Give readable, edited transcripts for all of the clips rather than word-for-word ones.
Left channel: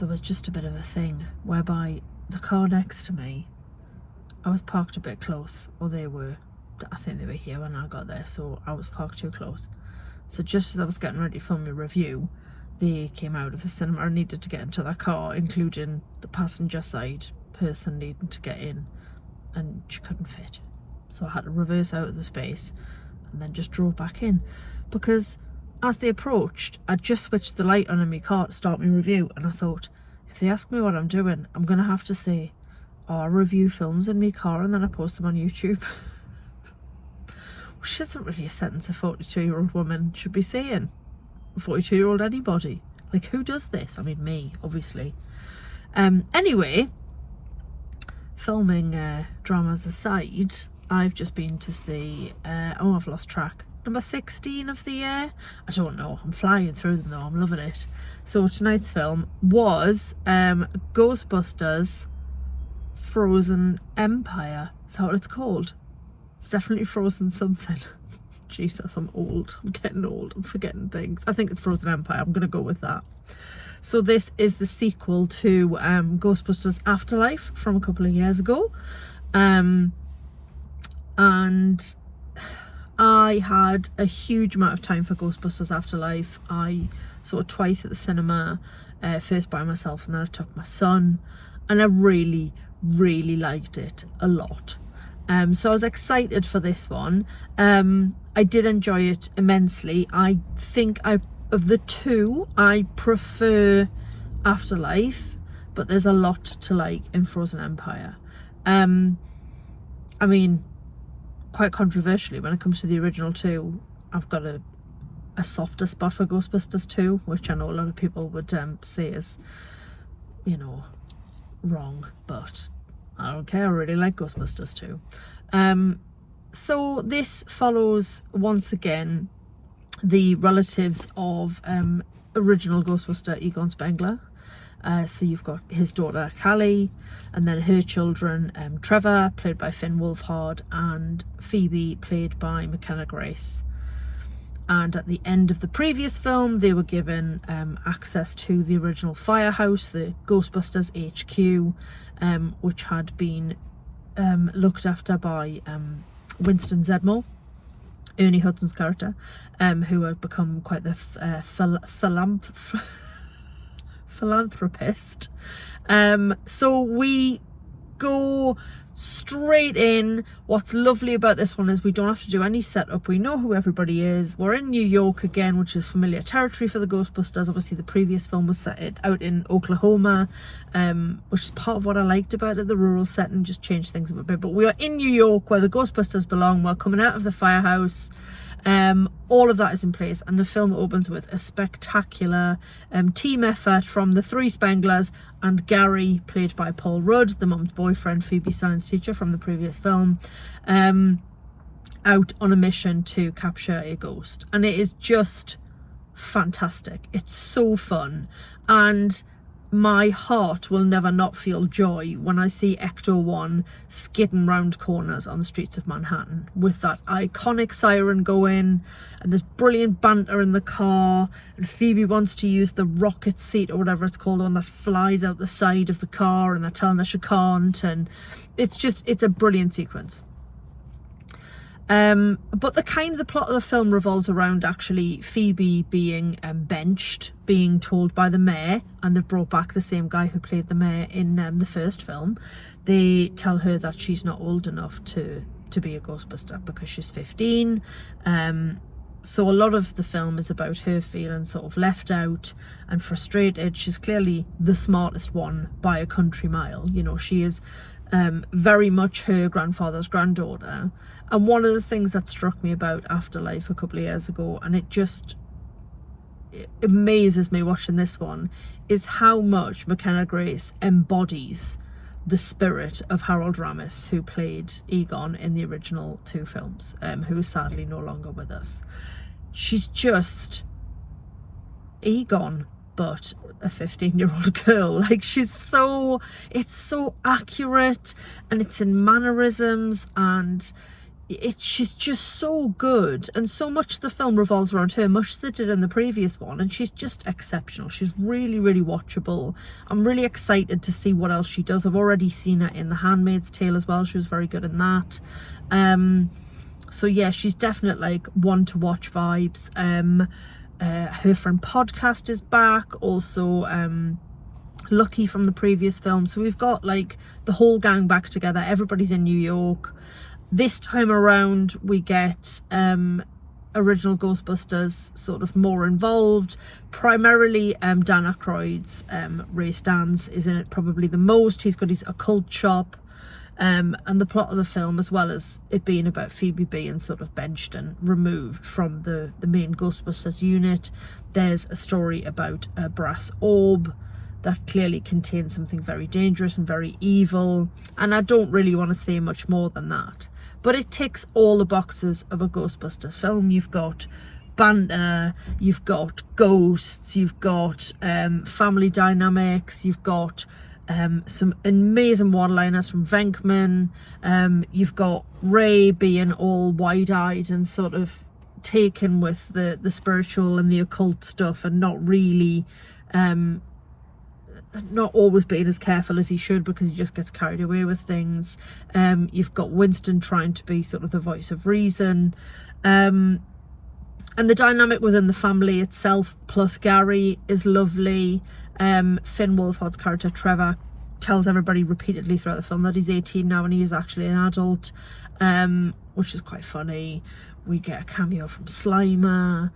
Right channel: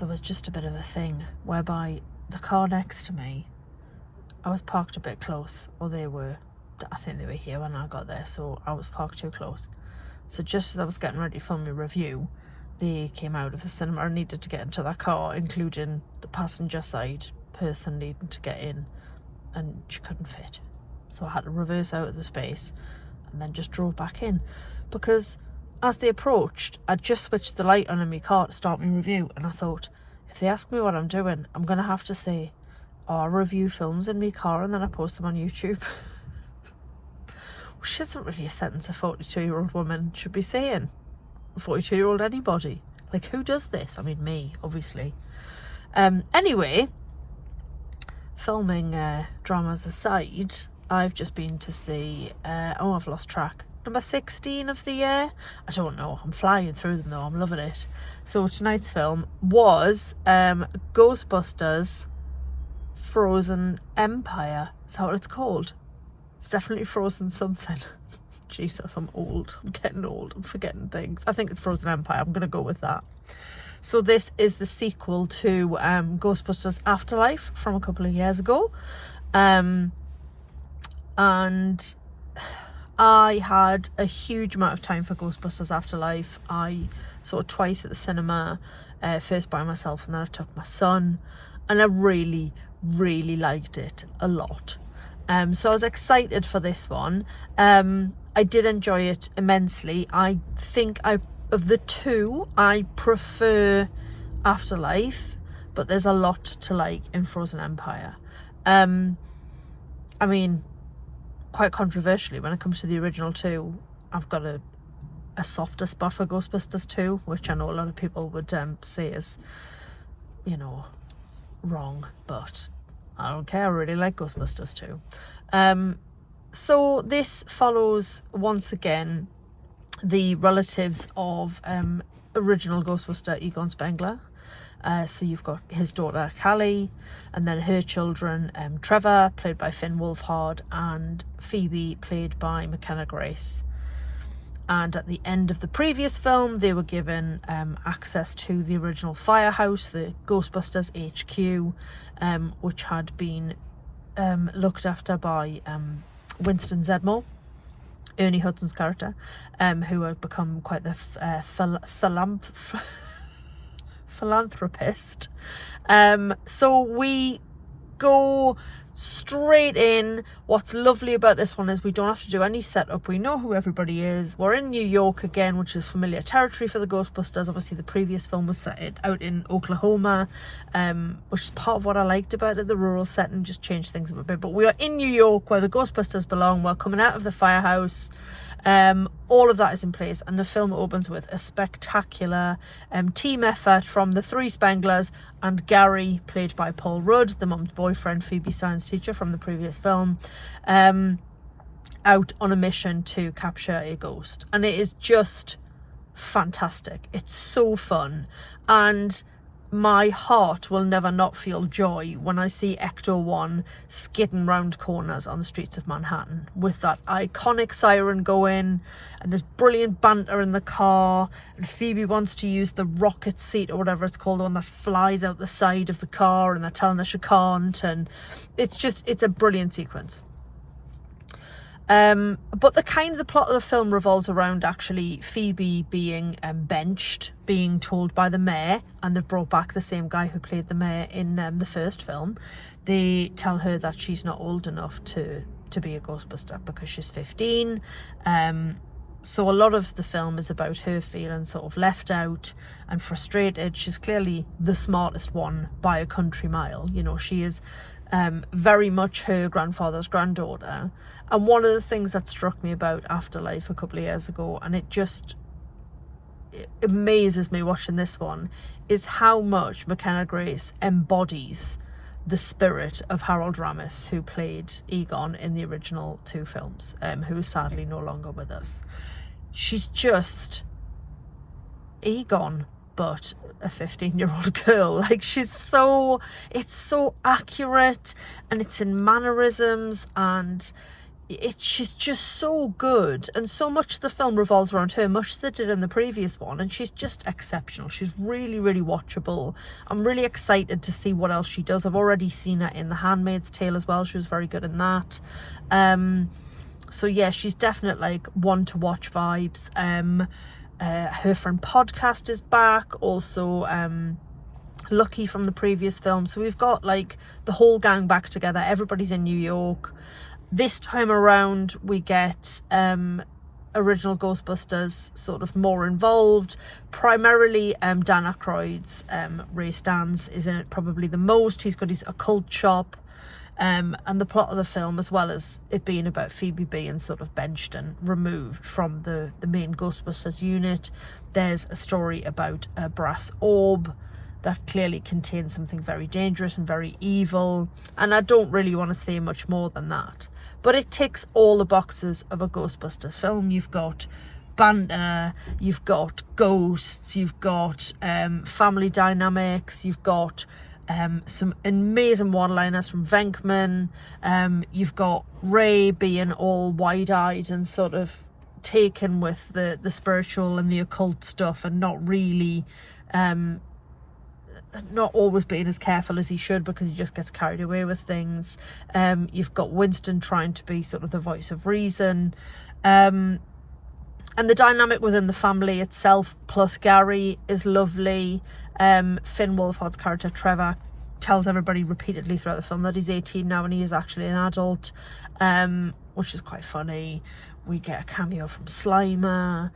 there was just a bit of a thing whereby the car next to me, I was parked a bit close, or they were. I think they were here when I got there, so I was parked too close. So just as I was getting ready to film my review, they came out of the cinema and needed to get into their car, including the passenger side person needing to get in, and she couldn't fit. So I had to reverse out of the space and then just drove back in, because as they approached, I just switched the light on in my car to start my review, and I thought, if they ask me what I'm doing, I'm going to have to say, oh, I review films in my car and then I post them on YouTube. Which isn't really a sentence a 42-year-old woman should be saying. A 42-year-old anybody. Like, who does this? I mean, me, obviously. Anyway, filming dramas aside, I've just been to see, I've lost track, number 16 of the year? I don't know, I'm flying through them though, I'm loving it. So tonight's film was Ghostbusters Frozen Empire. Is that what it's called? It's definitely Frozen something. Jesus, I'm old. I'm getting old. I'm forgetting things. I think it's Frozen Empire. I'm going to go with that. So this is the sequel to Ghostbusters Afterlife from a couple of years ago. And I had a huge amount of time for Ghostbusters Afterlife. I saw it twice at the cinema, first by myself and then I took my son. And I really, really liked it a lot. So I was excited for this one. I did enjoy it immensely. I think of the two, I prefer Afterlife, but there's a lot to like in Frozen Empire. I mean, quite controversially, when it comes to the original two, I've got a softer spot for Ghostbusters 2, which I know a lot of people would say is, you know, wrong, but I don't care, I really like Ghostbusters 2. So this follows, once again, the relatives of original Ghostbuster Egon Spengler. So you've got his daughter Callie, and then her children, Trevor, played by Finn Wolfhard, and Phoebe, played by McKenna Grace. And at the end of the previous film, they were given access to the original firehouse, the Ghostbusters HQ, which had been looked after by Winston Zeddemore, Ernie Hudson's character, who had become quite the philanthropist. So we go straight in. What's lovely about this one is we don't have to do any setup. We know who everybody is. We're in New York again, which is familiar territory for the Ghostbusters. Obviously the previous film was set out in Oklahoma, which is part of what I liked about it. The rural setting just changed things a bit, but we are in New York where the Ghostbusters belong. We're coming out of the firehouse. All of that is in place, and the film opens with a spectacular team effort from the three Spenglers and Gary, played by Paul Rudd, the mum's boyfriend, Phoebe's science teacher from the previous film, out on a mission to capture a ghost. And it is just fantastic. It's so fun, and my heart will never not feel joy when I see Ecto-1 skidding round corners on the streets of Manhattan with that iconic siren going, and there's brilliant banter in the car, and Phoebe wants to use the rocket seat or whatever it's called, the one that flies out the side of the car, and they're telling her she can't, and it's a brilliant sequence. But the plot of the film revolves around actually Phoebe being benched, being told by the mayor, and they've brought back the same guy who played the mayor in the first film. They tell her that she's not old enough to be a Ghostbuster because she's 15. So a lot of the film is about her feeling sort of left out and frustrated. She's clearly the smartest one by a country mile. You know, she is very much her grandfather's granddaughter. And one of the things that struck me about Afterlife a couple of years ago, and it amazes me watching this one, is how much McKenna Grace embodies the spirit of Harold Ramis, who played Egon in the original two films, who is sadly no longer with us. She's just Egon, but a 15-year-old girl. Like, it's so accurate, and it's in mannerisms, and she's just so good, and so much of the film revolves around her, much as it did in the previous one, and she's just exceptional. She's really, really watchable. I'm really excited to see what else she does. I've already seen her in The Handmaid's Tale as well. She was very good in that. So yeah, she's definitely like one to watch vibes. Her friend podcast is back, also Lucky from the previous film. So we've got like the whole gang back together. Everybody's in New York. This time around we get original Ghostbusters sort of more involved. Primarily Dan Aykroyd's Ray Stantz is in it probably the most. He's got his occult shop, and the plot of the film, as well as it being about Phoebe being sort of benched and removed from the main Ghostbusters unit. There's a story about a brass orb that clearly contains something very dangerous and very evil, and I don't really want to say much more than that. But it ticks all the boxes of a Ghostbusters film. You've got banter, you've got ghosts, you've got family dynamics, you've got some amazing one-liners from Venkman, you've got Ray being all wide-eyed and sort of taken with the spiritual and the occult stuff, and not really not always being as careful as he should, because he just gets carried away with things. You've got Winston trying to be sort of the voice of reason, and the dynamic within the family itself plus Gary is lovely. Finn Wolfhard's character Trevor tells everybody repeatedly throughout the film that he's 18 now and he is actually an adult, which is quite funny. We get a cameo from Slimer.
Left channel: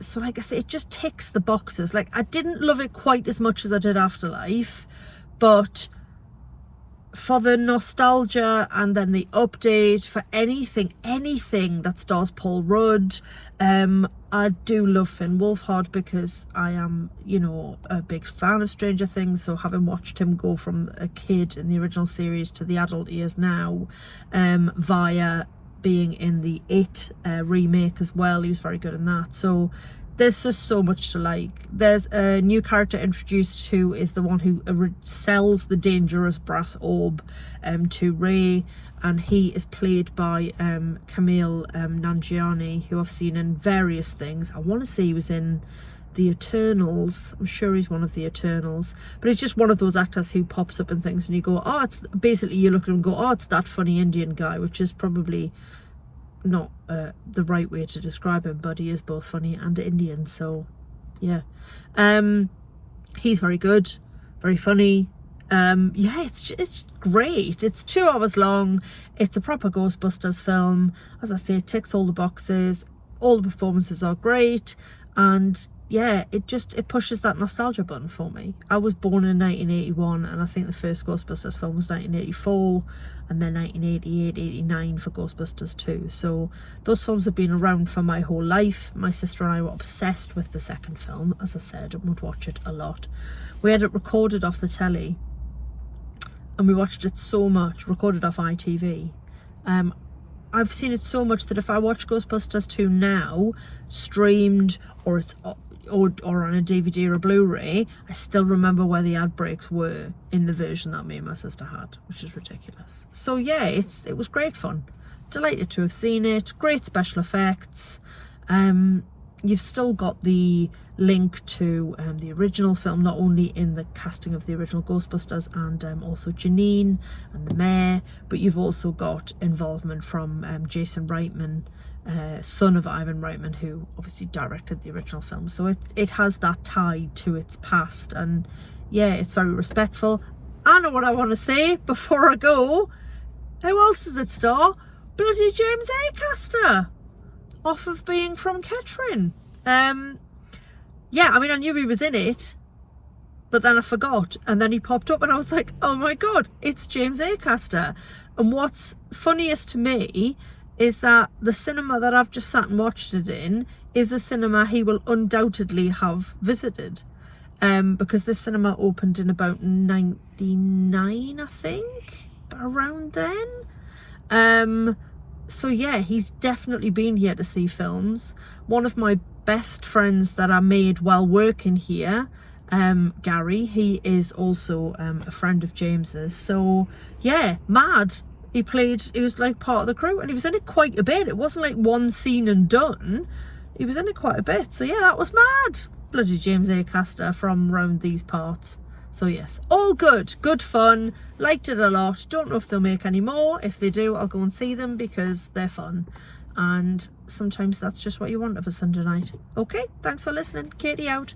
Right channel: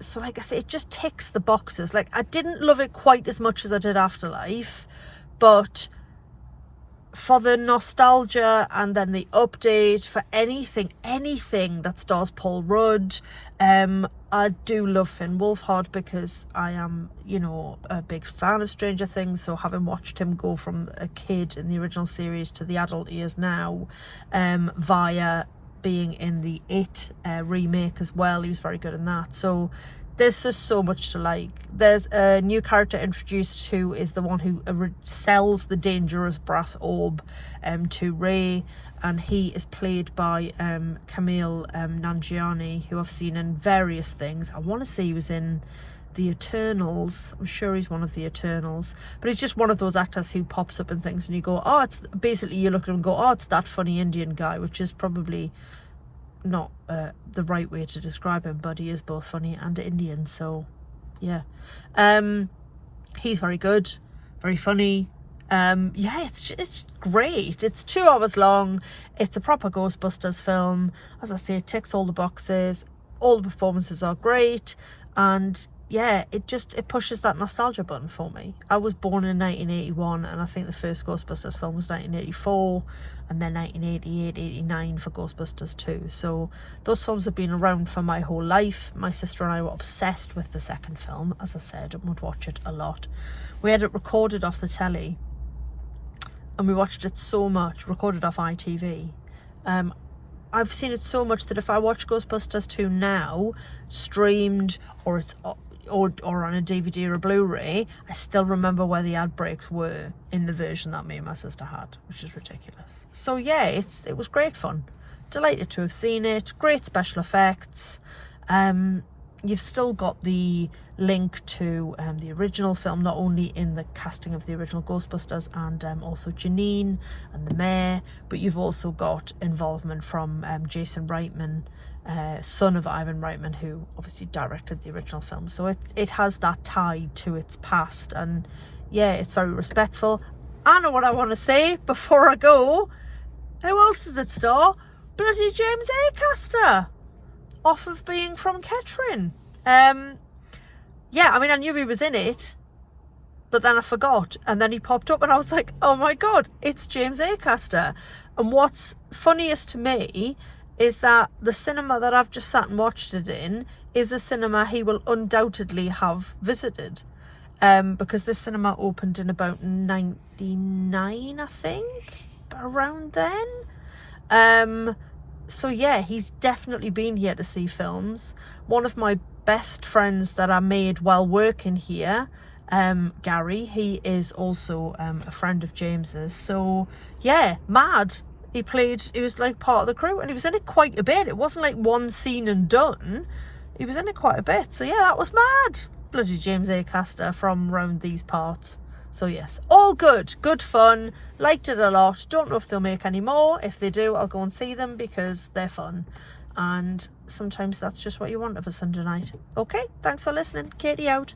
So like I say, it just ticks the boxes. Like, I didn't love it quite as much as I did Afterlife, but for the nostalgia and then the update, for anything that stars Paul Rudd, I do love Finn Wolfhard because I am, you know, a big fan of Stranger Things. So having watched him go from a kid in the original series to the adult he is now, via being in the It remake as well, he was very good in that. So there's just so much to like. There's a new character introduced who is the one who sells the dangerous brass orb to Ray, and he is played by Camille Nanjiani, who I've seen in various things. I want to say he was in the Eternals. I'm sure he's one of the Eternals, but he's just one of those actors who pops up in things and you go, oh, it's basically, you look at him and go, oh, it's that funny Indian guy, which is probably not the right way to describe him, but he is both funny and Indian. So yeah, he's very good, very funny. Yeah, it's great. It's 2 hours long. It's a proper Ghostbusters film. As I say, it ticks all the boxes. All the performances are great, and yeah, it pushes that nostalgia button for me. I was born in 1981, and I think the first Ghostbusters film was 1984, and then 1988, 89 for Ghostbusters 2. So those films have been around for my whole life. My sister and I were obsessed with the second film, as I said, and would watch it a lot. We had it recorded off the telly, and we watched it so much, recorded off ITV. I've seen it so much that if I watch Ghostbusters 2 now, streamed, or it's or on a DVD or a Blu-ray, I still remember where the ad breaks were in the version that me and my sister had, which is ridiculous. So yeah, it was great fun. Delighted to have seen it. Great special effects. You've still got the link to the original film, not only in the casting of the original Ghostbusters and also Janine and the mayor, but you've also got involvement from Jason Reitman, son of Ivan Reitman, who obviously directed the original film. So it has that tie to its past, and yeah, it's very respectful. I know what I want to say before I go. Who else does it star? Bloody James Acaster, off of being from Kettering. Yeah, I mean, I knew he was in it, but then I forgot, and then he popped up and I was like, oh my god, it's James Acaster. And what's funniest to me is that the cinema that I've just sat and watched it in is a cinema he will undoubtedly have visited, because this cinema opened in about 99, I think, around then. So yeah, he's definitely been here to see films. One of my best friends that I made while working here, Gary, he is also a friend of James's. So yeah, mad. He was like part of the crew, and he was in it quite a bit. It wasn't like one scene and done. He was in it quite a bit. So yeah, that was mad. Bloody James Acaster from round these parts. So yes, all good. Good fun. Liked it a lot. Don't know if they'll make any more. If they do, I'll go and see them because they're fun. And sometimes that's just what you want of a Sunday night. Okay, thanks for listening. Katie out.